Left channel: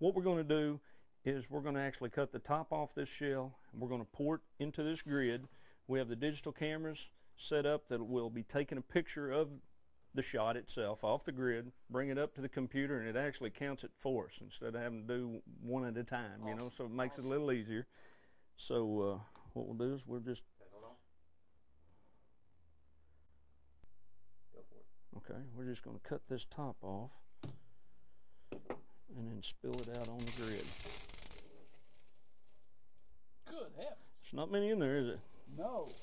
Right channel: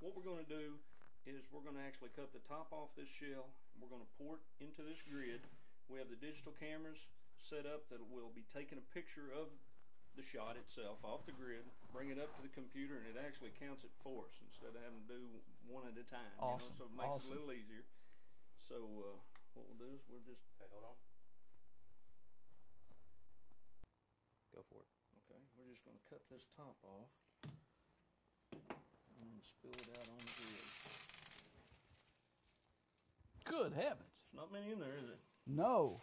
what we're going to do is we're going to actually cut the top off this shell, and we're going to port into this grid. We have the digital cameras set up that will be taking a picture of the shot itself off the grid, bring it up to the computer, and it actually counts it for us instead of having to do one at a time. Awesome. You know, so it makes it a little easier. So what we'll do is we'll just go for it. Okay, we're just going to cut this top off and then spill it out on the grid. Good heavens. There's not many in there, is it? No.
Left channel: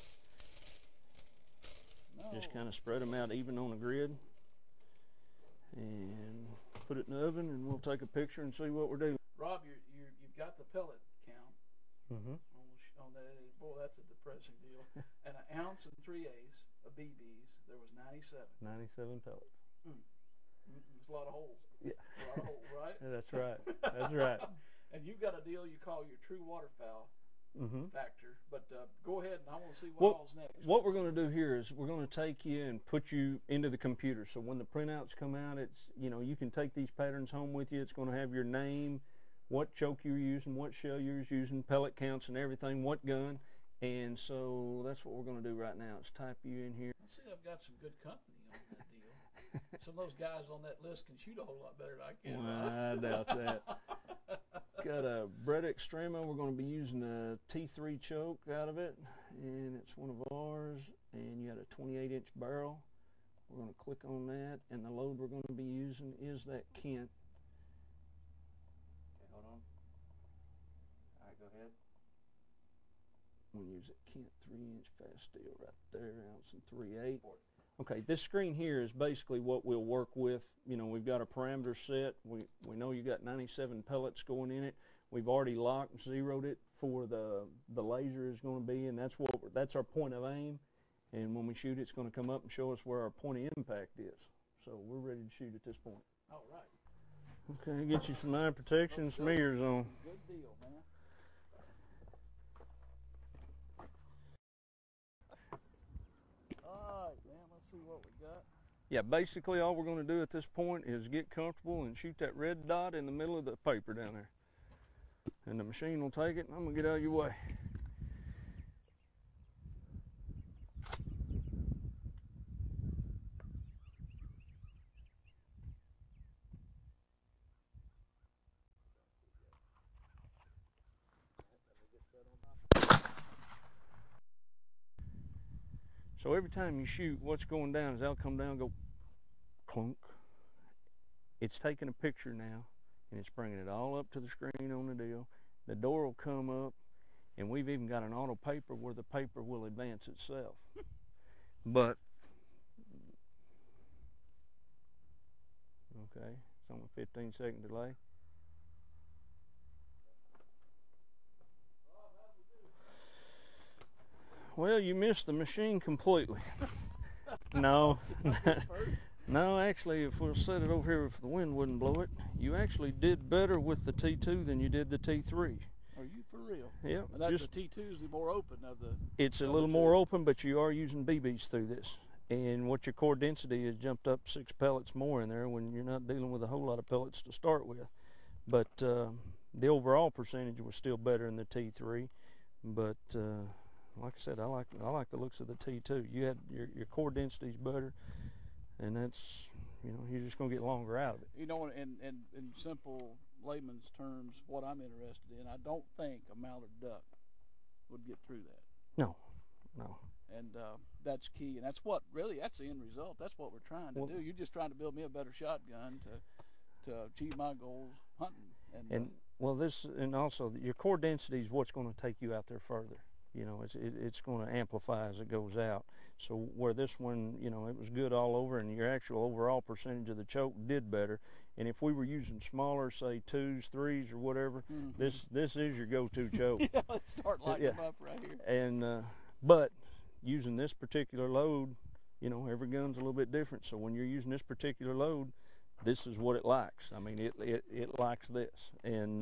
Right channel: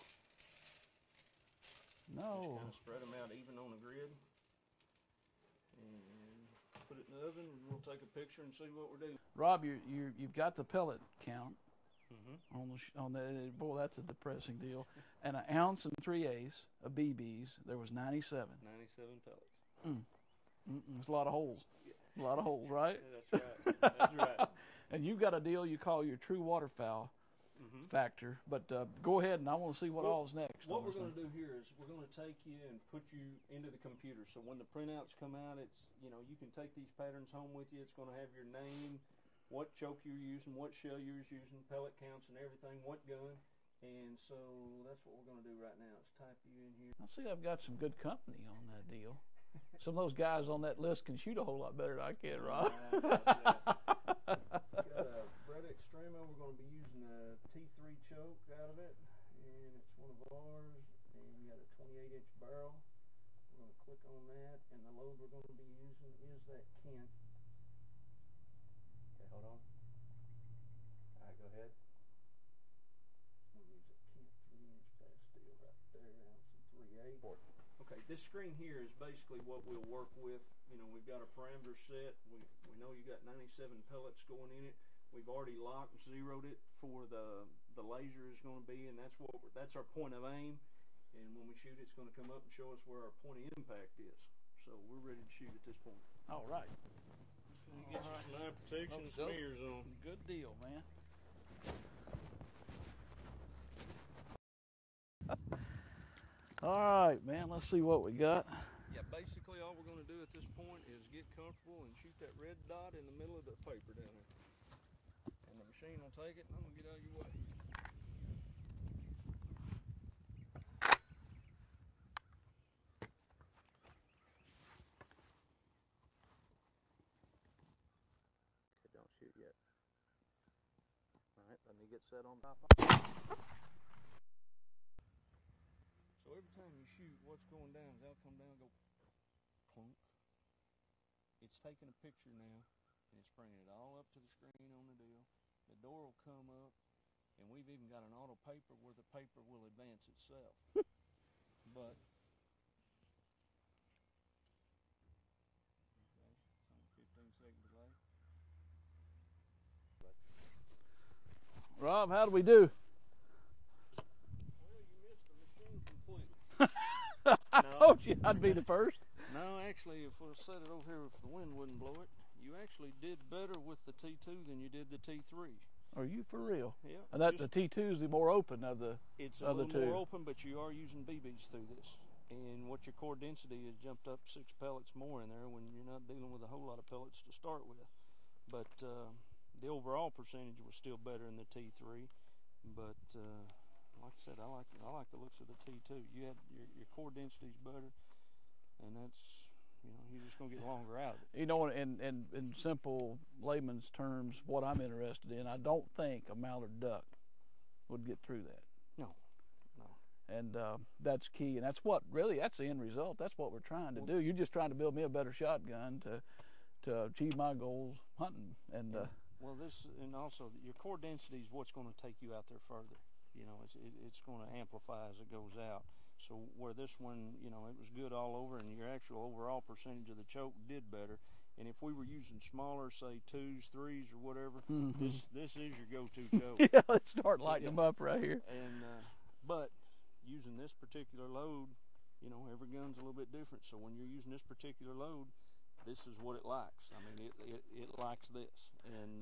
No. Just kind of spread them out even on the grid and put it in the oven, and we'll take a picture and see what we're doing. Rob, you've got the pellet count Mm-hmm. on the boy. That's a depressing deal. And 1 ounce and 3/8 of BBs. There was 97. 97 pellets. There's a lot of holes. Yeah, a lot of holes, right? Yeah, that's right. That's right. And you've got a deal you call your true waterfowl factor. But go ahead, and I want to see what all's next. What we're going to do here is we're going to take you and put you into the computer. So when the printouts come out, it's, you know, you can take these patterns home with you. It's going to have your name, what choke you're using, what shell you're using, pellet counts and everything, what gun. And so that's what we're going to do right now, is type you in here. I see I've got some good company on that deal. Some of those guys on that list can shoot a whole lot better than I can, Rob. I doubt that. Got a Brett Extremo. We're going to be using a T3 choke out of it, and it's one of ours. And you got a 28-inch barrel. We're going to click on that, and the load we're going to be using is that Kent. Okay, hold on. All right, go ahead. We'll use a Kent 3-inch fast steel right there, 1 ounce and 3/8. Okay, this screen here is basically what we'll work with. You know, we've got a parameter set. We know you got 97 pellets going in it. We've already locked and zeroed it for the laser is going to be, and that's our point of aim. And when we shoot, it's going to come up and show us where our point of impact is. So we're ready to shoot at this point. All right. Okay, get you some eye protection, some ears on. Good deal, man. All right, man, let's see what we got. Yeah, basically all we're going to do at this point is get comfortable and shoot that red dot in the middle of the paper down there. And the machine will take it, and I'm going to get out of your way. Don't shoot yet. All right, let me get set on top. So every time you shoot, what's going down is that'll come down and go clunk. It's taking a picture now, and it's bringing it all up to the screen on the deal. The door will come up, and we've even got an auto paper where the paper will advance itself. But, okay, it's on a 15-second delay. Rob, how do we do? Well, you missed the machine completely. I told you I'd be the first. No, actually, if we'll set it over here if the wind wouldn't blow it, you actually did better with the T2 than you did the T3. Are you for real? Yeah. And that's the T2 is the more open of the. It's a little more open, but you are using BBs through this. And what your core density has jumped up 6 pellets more in there when you're not dealing with a whole lot of pellets to start with. But the overall percentage was still better in the T3. But like I said, I like the looks of the T2. You had your core density is better, and that's, you know, you're just gonna get longer out of it. You know, in simple layman's terms, what I'm interested in, I don't think a mallard duck would get through that. No. And that's key, and that's the end result. That's what we're trying to do. You're just trying to build me a better shotgun to achieve my goals hunting. Well, and also your core density is what's going to take you out there further. You know, it's going to amplify as it goes out. So where this one, you know, it was good all over, and your actual overall percentage of the choke did better. And if we were using smaller, say 2s, 3s, or whatever, this is your go-to choke. Yeah, let's start lighting them up right here. And but using this particular load, you know, every gun's a little bit different. So when you're using this particular load, this is what it likes. I mean, it likes this. And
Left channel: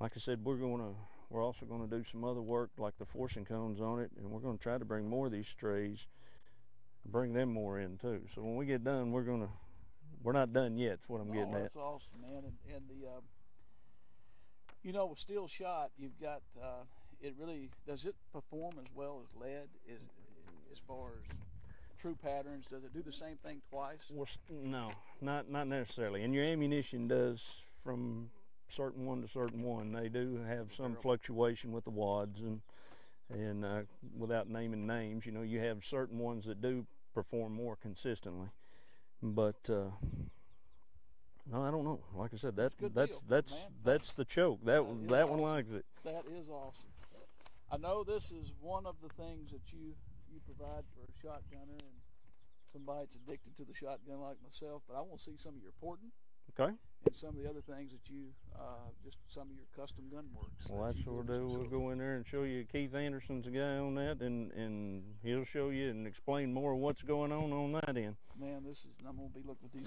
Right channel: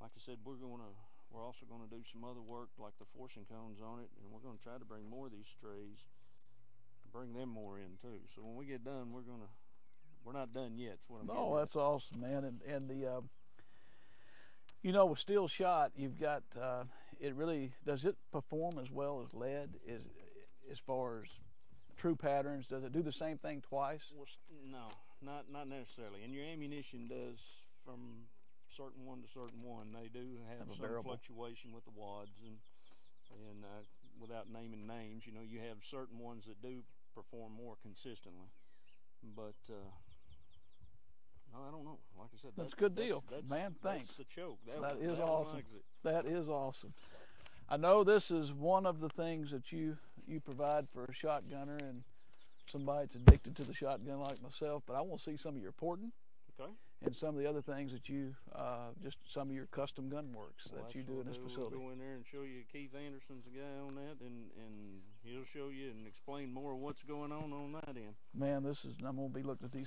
like I said, we're also going to do some other work like the forcing cones on it, and we're going to try to bring more of these strays, bring them more in too. So when we get done, we're not done yet. Is what I'm getting at. Oh, that's awesome, man. And You know, with steel shot, you've got it really does it perform as well as lead as far as true patterns? Does it do the same thing twice? Well, no, not necessarily. And your ammunition does from certain one to certain one. They do have some fluctuation with the wads, and without naming names, you know, you have certain ones that do perform more consistently. But no, I don't know. Like I said, that's good deal. That's the choke. That one awesome. likes it. That is awesome. I know this is one of the things that you provide for a shotgunner and somebody that's addicted to the shotgun like myself. But I want to see some of your porting. Okay. And some of the other things that you, just some of your custom gun works. Well, that's what we'll do. We'll go in there and show you. Keith Anderson's the guy on that, and he'll show you and explain more of what's going on that end. Man, I'm going to be looking at these.